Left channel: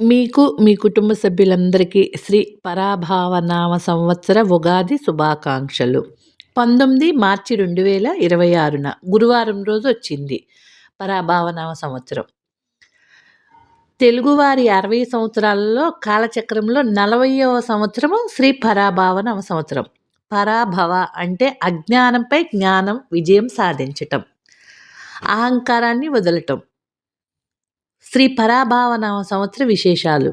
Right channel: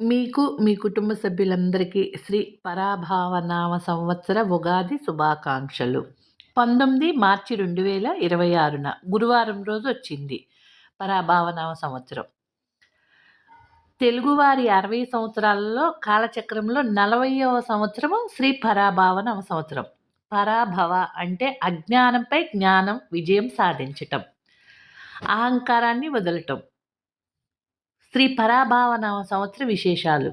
మీకు, మీ కుటుంబ సభ్యులందరికీ శ్రీ పరాభావనామ సంవత్సర ఉగాది శుభాకాంక్షలు. 19 మార్చి 2026న గురువారం రోజొచ్చింది పరాభావనామ సంవత్సరం. తెలుగువారి 60 సంవత్సరాలలో కాలచక్రంలో 40వ సంవత్సరము శ్రీ పరాభావనామ సంవత్సరం. పరాభవ అంటే అజ్ఞానంపై జ్ఞానం విజయం సాధించటం. అహంకారాన్ని వదలటం. శ్రీ పరాభావనామ సంవత్సర విశేషాలు.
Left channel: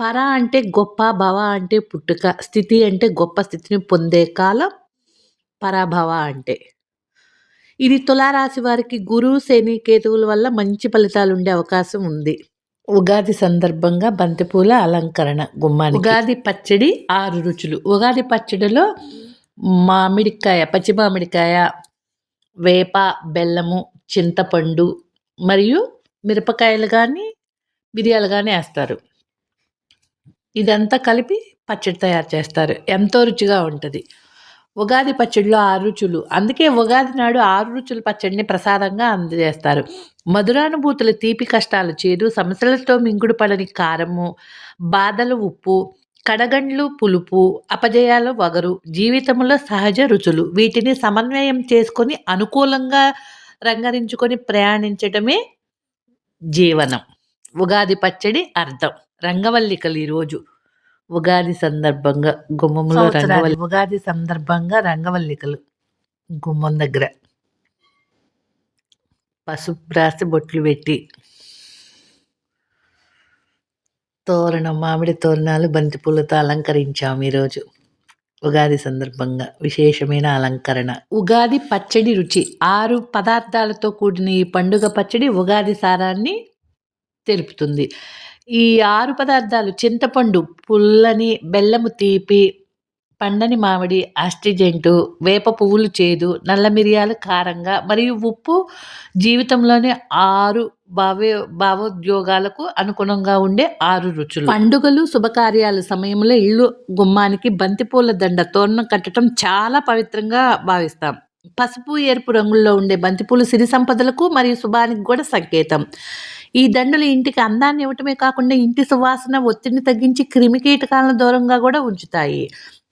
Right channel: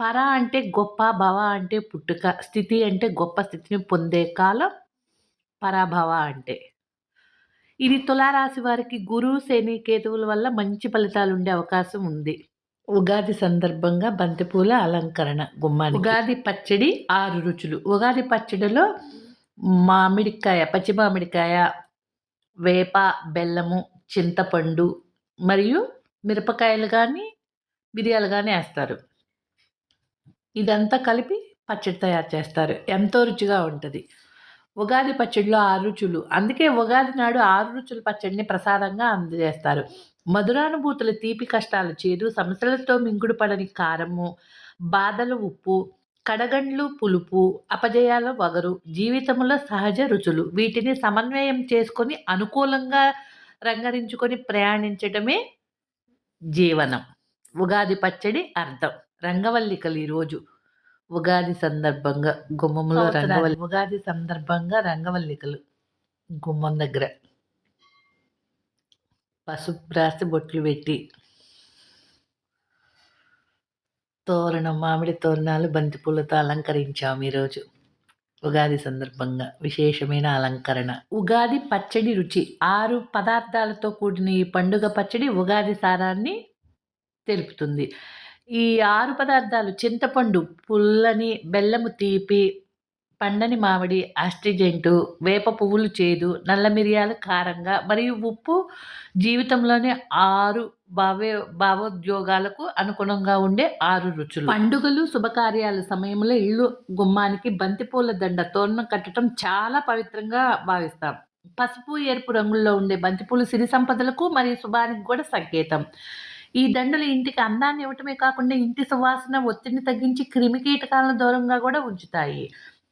పర అంటే గొప్ప, భవ అంటే పుట్టుక, స్థితి అంటే గొప్ప స్థితిని పొందే కాలం పరాభవ అంటే. ఇది తులారాశి వారికి గురు, శని, కేతువుల వల్ల మంచి ఫలితాలుండే అవకాశం ఉంది. ఉగాది సందర్భంగా బంతిపూల అలంకరణ గుమ్మానికి. ఉగాది పచ్చడి 6 రుచులు. ఉగాది పచ్చడిలో మామిడికాయ, పచ్చి మామిడికాయ, వేప, బెల్లము, చింతపండు మరియు మిరపకాయలు గానీ, మిరియాలు గానీ ఏస్తారు. ఇదంతా కలిపి పచ్చడి తయారు చేస్తారు. ఎంతో రుచిగా ఉంటది. ఉగాది పచ్చడిలో 6 రుచులు. అందుకే ఉగాది నాడు 6 రుచుల పచ్చడిని ప్రసాదంగా అందజేస్తారు. మధురానుభూతుల తీపి, కష్టాలు చేదు, సమస్యలతో మింగుడు పడని కారము, బాధలు ఉప్పు, కడగండ్లు పులుపు, అపజయాలు వగరు, జీవితంలో సహజ రుచులు. వీటిని సమన్వయం చేసుకొని అనుకూలంగా రంగరించుకొని ప్రయాణించటమే జీవనం. ఉగాది పచ్చడి అర్థం. రంగవల్లికలు ఈరోజు ఉగాది సందర్భంగా గుమ్మంలో ఉగాది సందర్భంగా రంగవల్లికలు గుమ్మం దగ్గర పసుపు రాసి బొట్లు పెట్టి తోరణం, మామిడి తోరణాలు, బంతిపూలతో అలంకరించాము ఈరోజు ఉగాది సందర్భంగా విశేషమైన అలంకరణ. ఉగాది పచ్చడి రుచి. 6 పదార్థాలతో కూడిన ఈ పండుగ పచ్చడి ఉగాది సారాన్ని తెలుపుతుంది. ఈ 6 పదార్థాలు చింతపండు పుల్లని, బెల్లము తీపి, పండని మామిడి ఆస్ట్రిజెంటు, వేప పువ్వులు చేదు, నల్ల మిరియాలు కారంగా మరియు ఉప్పు జీవితంలోని 6 భావోద్యోగాలకు అనుగుణంగా ఉండే 6 రుచులు. పండుగలు, శుభకార్యాల సమయంలో ఇల్లు గుమ్మానికి బంతిపూల దండ తోరణం కట్టడం చాలా పవిత్రంగా భావిస్తాం. పసుపు, ఎరుపు రంగుల్లో ఉండే బంతిపూలు సిరి సంపదలకు మరియు శుభానికి కూడా సంకేతం. ఈ దండలు ఇంటికి అందాన్ని ఇవ్వటమే కాకుండా ఇంటి సువాసన, ఒత్తిడిని తగ్గించి క్రిమికీటకాలను దూరంగా కూడా ఉంచుతాయి.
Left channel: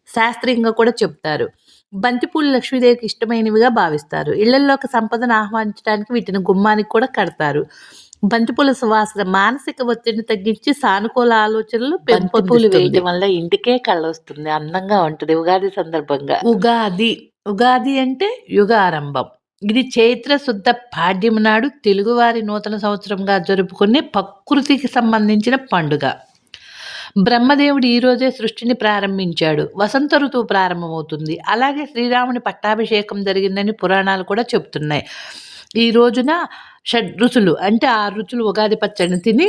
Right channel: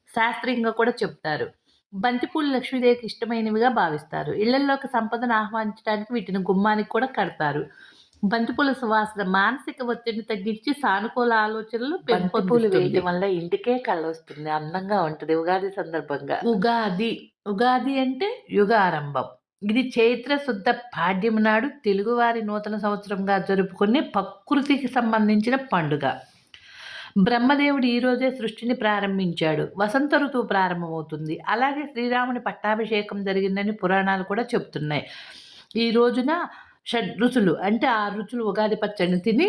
శాస్త్రీయంగా కూడా చెప్తారు. బంతిపూలు లక్ష్మీదేవికి ఇష్టమైనవిగా భావిస్తారు. ఇళ్లల్లోకి సంపదను ఆహ్వానించడానికి వీటిని గుమ్మానికి కూడా కడతారు. బంతిపూల సువాసన మానసిక ఒత్తిడిని తగ్గించి సానుకూల ఆలోచనలు బంతిపూలు వేయటం వల్ల ఇంటికే కళ్ళొస్తుంది. అందంగా ఉంటది ఉగాది సందర్భంగా. ఉగాది అంటే యుగారంభం. ఇది చైత్ర శుద్ధ పాడ్యం నాడు తెలుగువారి నూతన సంవత్సరంగా జరుపుకునే ప్రకృతికి సంబంధించిన పండుగ. బ్రహ్మదేవుడు ఈరోజే సృష్టిని ప్రారంభించాడు. వసంత ఋతువు ప్రారంభమవుతుంది. అలాగే శ్రీరాముని పట్టాభిషేకం జరిగిందని పురాణాలు కూడా చెప్తున్నాయి. ఈ రోజున షడ్రుచులు అంటే 6 రుచులు ఉగాది పచ్చడిని తిని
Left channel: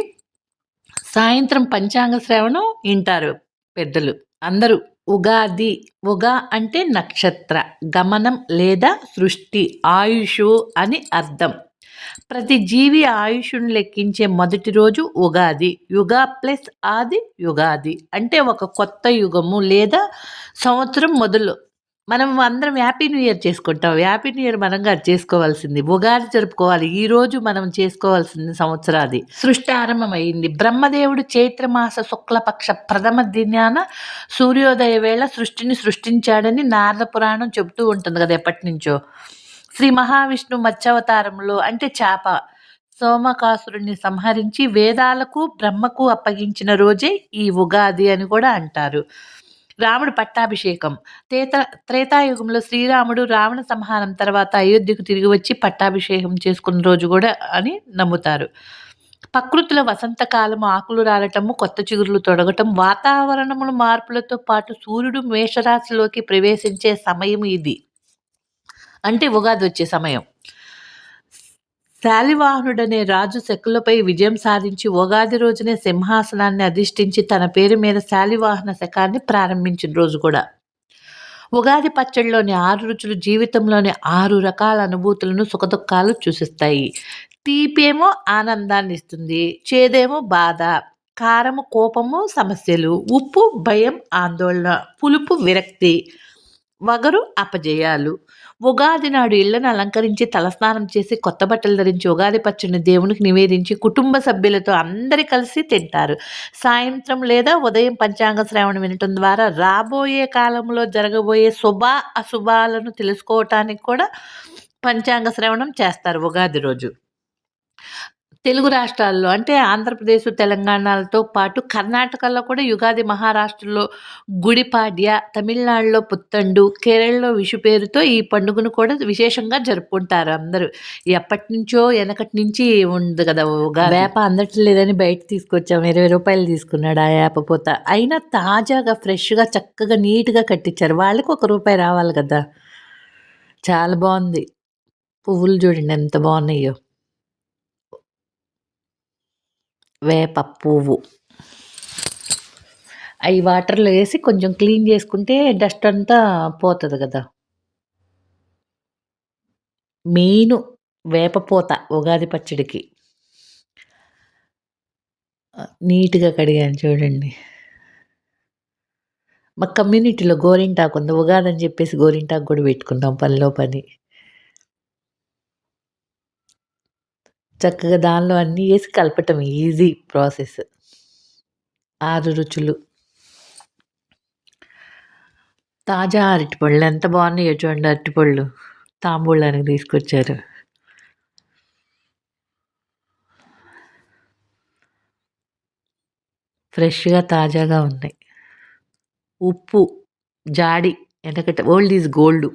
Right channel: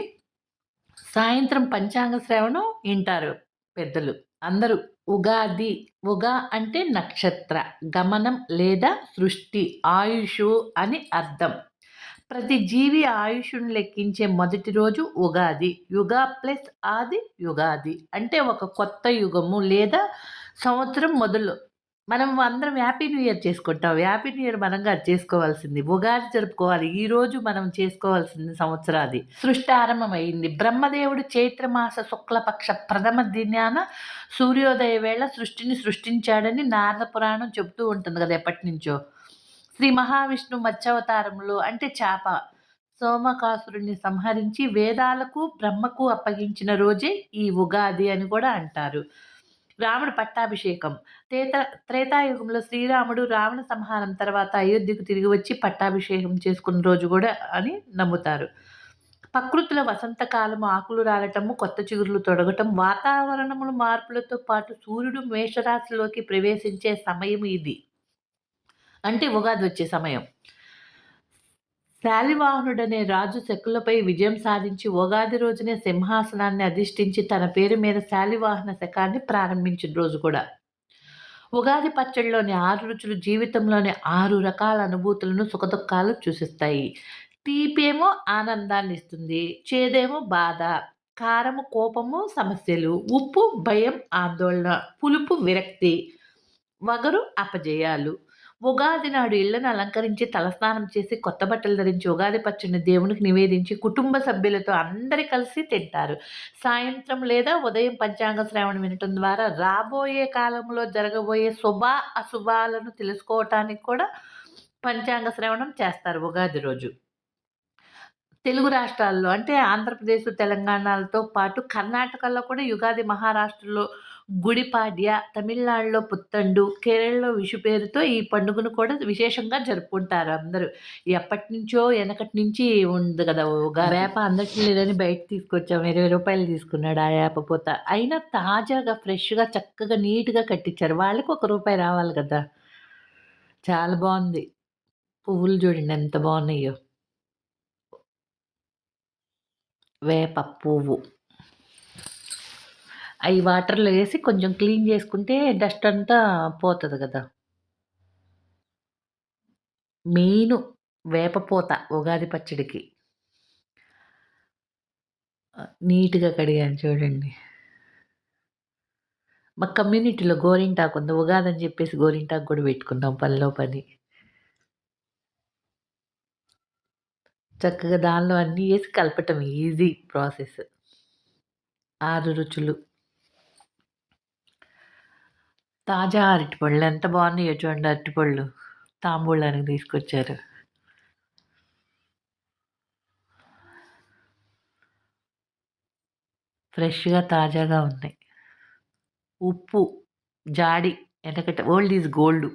సాయంత్రం పంచాంగ శ్రవణం వింటారు పెద్దలు అందరూ. ఉగా అంటే నక్షత్ర గమనం లేదా సృష్టి, ఆయుషు అని అర్థం. ప్రతి జీవి ఆయుష్ను లెక్కించే మొదటి రోజు ఉగాది. యుగా ప్లస్ ఆది యుగాది అంటే ఒక కొత్త యుగము లేదా సంవత్సరం మొదలు. మనం అందరం హ్యాపీ న్యూ ఇయర్ చేసుకుంటాం. హ్యాపీ న్యూ ఇయర్ మనంగా చేసుకోవాల్సింది. ఉగాది జరుపుకోవాలి. ఈరోజు మనం చేసుకోవాల్సింది సంవత్సరాది. సృష్టి ఆరంభమైంది. బ్రహ్మదేవుడు చైత్రమాస శుక్లపక్ష ప్రథమ దినాన సూర్యోదయ వేళ సృష్టిని సృష్టించాడని నారద పురాణం చెబుతూ ఉంటుంది కదా ఎప్పటినుంచో. శ్రీ మహావిష్ణు మత్స్యావతారంలో అంటే చేప సోమకాసురుణ్ణి సంహరించి వేదాలకు బ్రహ్మకు అప్పగించిన రోజే ఈ ఉగాది అని కూడా అంటారు. రాముడు పట్టాభిషేకం. త్రేతాయుగంలో శ్రీరాముడు రావణ సంహారం తర్వాత అయోధ్యకు తిరిగి వచ్చి పట్టాభిషేకం చేసుకున్న రోజు కూడా అని నమ్ముతారు. ప్రకృతిలో వసంతకాలము ఆకులు రాలటము, కొత్త చిగురులు తొడగటం, వాతావరణముల మార్పులతో పాటు సూర్యుడు మేషరాశిలోకి ప్రవేశించే సమయం ఇది. అంటే ఉగాది వచ్చే సమయం. శాలివాహనుడనే రాజు శకులపై విజయం సాధించి ఉగాది రోజునే సింహాసనాన్ని అధిష్ఠించి తన పేరు మీద శాలివాహన శకాన్ని ప్రారంభించిన రోజు కూడా. ఉగాది పచ్చడిలోని 6 రుచులు జీవితంలోని 6 రకాల అనుభూతులను, సుఖదుఖాలు సూచిస్తాయి. తీపేమో ఆనందాన్ని ఇస్తుంది, చేదేమో బాధ, కారము కోపము సమస్యలు, ఉప్పు భయం ఆందోళన, పులుపు విరక్తి, వగరు అపజయాలు. ఉగాది నాడు ఇళ్లను అలంకరించి తలస్నానం చేసి కొత్త బట్టలు ధరించి ఉగాది పచ్చడిని దేవునికి నివేదించి కుటుంబ సభ్యులతో అందరూ కలిసి తింటారు. సాయంత్రం లేదా ఉదయం పంచాంగ శ్రవణం వినటం ద్వారా రాబోయే కాలంలో జరగబోయే అశుభాలను తెలుసుకోవటానికి కూడా పంచాంగ శ్రవణం చేస్తారు ఉగాది రోజు. తెలుగు రాష్ట్రాల్లో అంటే ఆంధ్రప్రదేశ్, తెలంగాణలతో పాటు కర్ణాటకలో కూడా యుగాది, మహారాష్ట్రలో గుడిపాడ్య, తమిళనాడులో పుత్తండు, కేరళలో విషు పేరుతో ఈ పండుగను కూడా విశేషంగా జరుపుకుంటారు అందరూ. ఎప్పటినుంచో ఎనకటి నుంచి ఉంది గదా! ఉగాది. వేప అందట్లేదని బయట తీసుకొచ్చాం. రూ. 20 తీసుకున్నాడు ఆ యాప పూత. అయినా తాజాగా, ఫ్రెష్‌గా, చక్కగా, నీట్‌గా కట్టిచ్చారు. వాళ్ళకి ఒక రూపాయి రావాలి గదా! చాలా బావుంది. పువ్వులు చూడండి ఎంత బావున్నాయో. వేప పువ్వు. అయి వాటర్‌లో ఏసి కొంచెం క్లీన్ జేసుకుంటే డస్ట్ అంతా పోతది గదా! మెయిను వేప పూత ఉగాది పచ్చడికి. నీట్‌గా కడిగాను చూడండి. మా కమ్యూనిటీలో గోరింటాకుంది. ఉగాదని జెప్పేసి గోరింటాకు గూడా పెట్టుకున్నాం పనిలో పని. చక్కగా దానిలో అన్నీ ఏసి కలపటం ఈజీ ప్రాసెస్. 6 రుచులు. తాజా అరటిపళ్ళు ఎంత బావున్నాయో చూడండి అరటిపళ్ళు. తాంబూలానికి తీసుకొచ్చారు. ఫ్రెష్‌గా తాజాగా ఉన్నాయి. ఉప్పు, జాడి ఎనకట ఓల్డ్ ఈజ్ గోల్డు.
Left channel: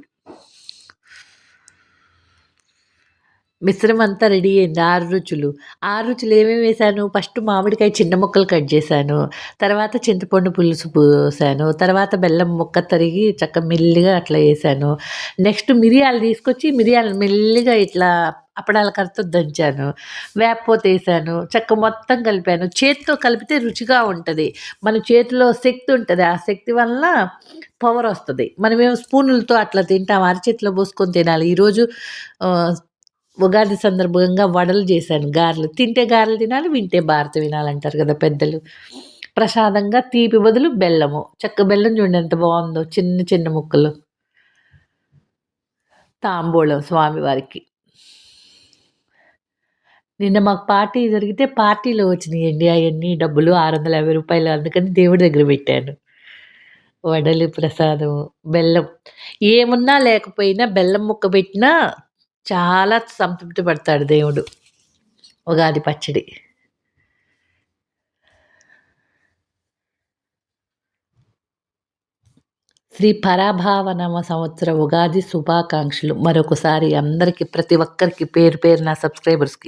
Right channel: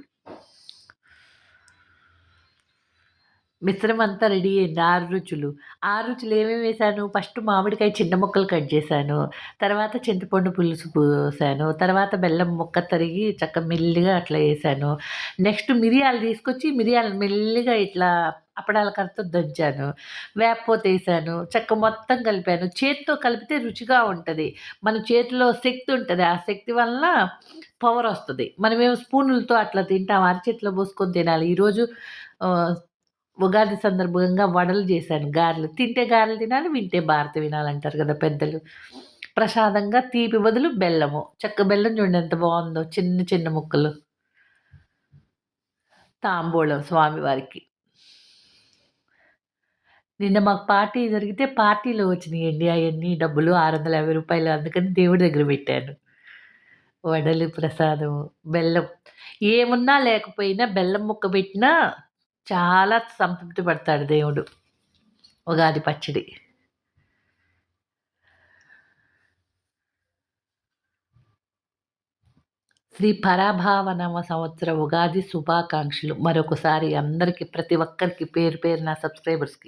మిశ్రమం అంతా రెడీ అయింది. 6 రుచులు. 6 రుచులు ఏమేమేసాను, ఫస్ట్ మామిడికాయ చిన్న ముక్కలు కట్ జేశాను. తర్వాత చింతపండు పులుసు పోసాను. తర్వాత బెల్లం ముక్క తరిగి మెల్లిగా అట్లా ఏసాను. నెక్స్ట్ మిరియాలు తీసుకొచ్చి మిరియాలను మెల్లిగా ఇట్లా అప్పడాల కర్రతో దంచాను. వేపపోతేసాను. మొత్తం కలిపాను. చేత్తో కలిపితే రుచిగా ఉంటది. మన చేతిలో శక్తి ఉంటది. ఆ శక్తి వలన పవరొస్తది. మనమేమో స్పూనులతో అట్లా తింటాం. అరచేతిలో పోసుకొని తినాలి. ఈరోజు ఆహ్, ఉగాది సందర్భంగా వడలు జేశాను. గారెలు. తింటే గారెలు తినాలి, వింటే భారత వినాలంటారు గదా పెద్దలు. ప్రసాదంగా తీపి బదులు బెల్లము. బెల్లం చూడండి ఎంత బావుందో చిన్న చిన్న ముక్కలు. తాంబూలం స్వామివారికి. నిన్న మాకు పార్టీ జరిగితే పార్టీలో వచ్చినియండి అయన్నీ డబ్బులు రూ. 650 అందుకని దేవుడి దగ్గర పెట్టాను. వడలు, ప్రసాదం, బెల్లం. ఏమున్నా లేకపోయినా బెల్లం ముక్క పెట్టినా చాలా సంతృప్తి పడతాడు దేవుడు. ఉగాది పచ్చడి. శ్రీ పరాభావనామ సంవత్సర ఉగాది శుభాకాంక్షలు. మరొకసారి అందరికి ప్రతి ఒక్కరికి పేరు పేరున సబ్‌స్క్రైబర్స్‌కి.